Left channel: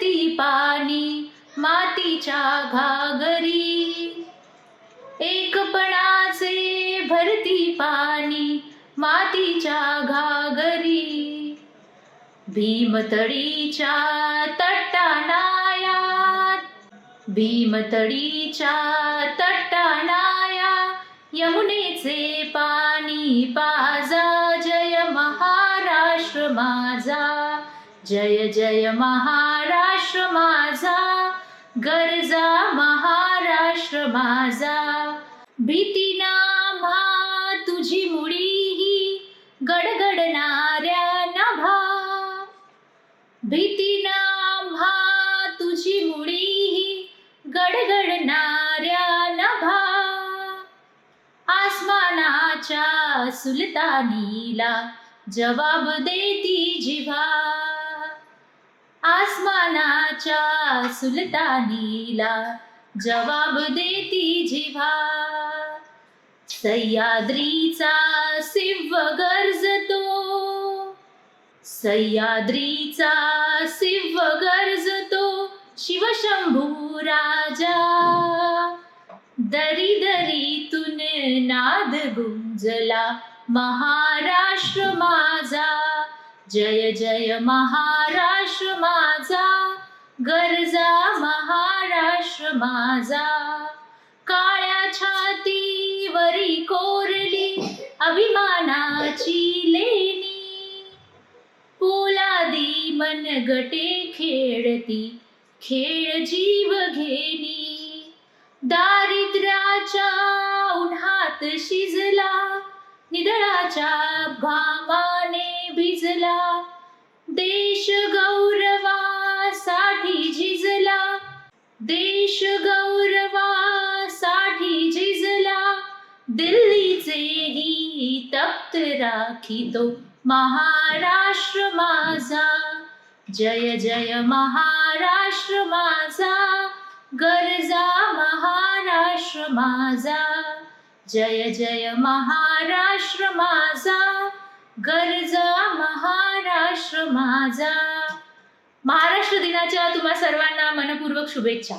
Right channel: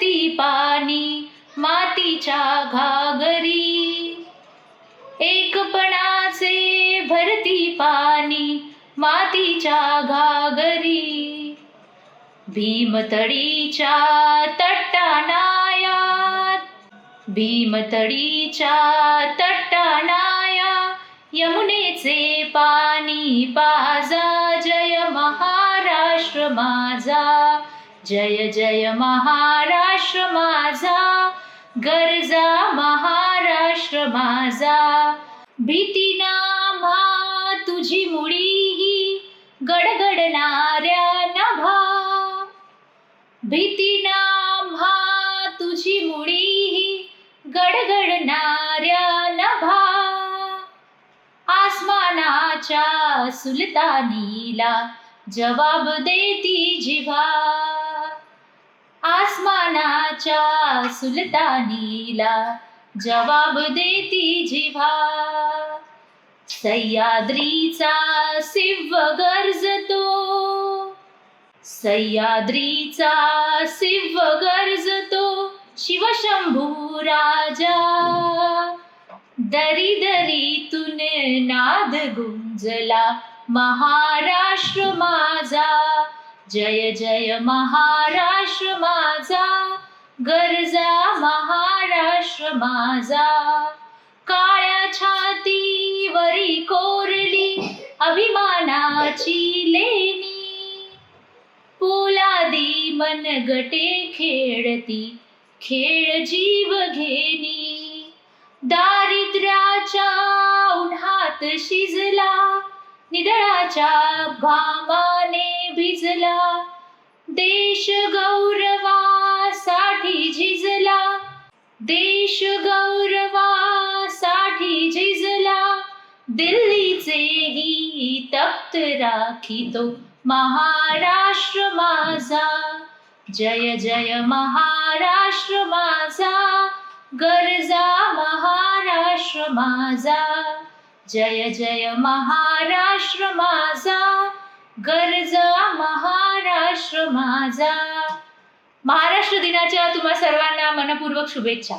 ती पाणी मातीच्या घागरी. एकपणाचे भरती पाणी मातीच्या घागरी. भीमतडीच्या तट्टानायात भीमतडीच्या तट्टानाया यमुनेचे पाणी पाजा जय महाराष्ट्र माझा. जय जय महाराष्ट्र माझा गरजा महाराष्ट्र माझा. भीती नामा तुझी मुळी गडगडणाऱ्या नभा. भीती नामा तुझी मुळी गडगडणाऱ्या नभा. आसमानाच्या सुलतानीला जवाब देती जिवा. आसमानाच्या सुलतानीला जवाब देती जिव्हा. सह्याद्रीचा शिव गरजतो सह्याद्रीचा शिव गरजतो शिवशंभू राजा. दरी दरीतून नाद गुंजला महाराष्ट्र माझा. जय जय महाराष्ट्र माझा गरजा महाराष्ट्र माझा. काळ्या छातीवरी कोरली अभिमानाची लेणी पोलादी मनगटे खेळती खेळ जीव घेणी. दारिद्र्याच्या उन्हात शिजला निधळाच्या घामाने भिजला. देश गौरवासाठी झिजला. देश गौरवासाठी झिजला. दिल्लीचेही तप्त राखितो महाराष्ट्र माझा. जय जय महाराष्ट्र माझा. गरजा महाराष्ट्र माझा. जय जय महाराष्ट्र माझा गरजा महाराष्ट्र माझा. महाराष्ट्र दिनाच्या तुम्हा सर्वांना मनपूर्वक शुभेच्छा.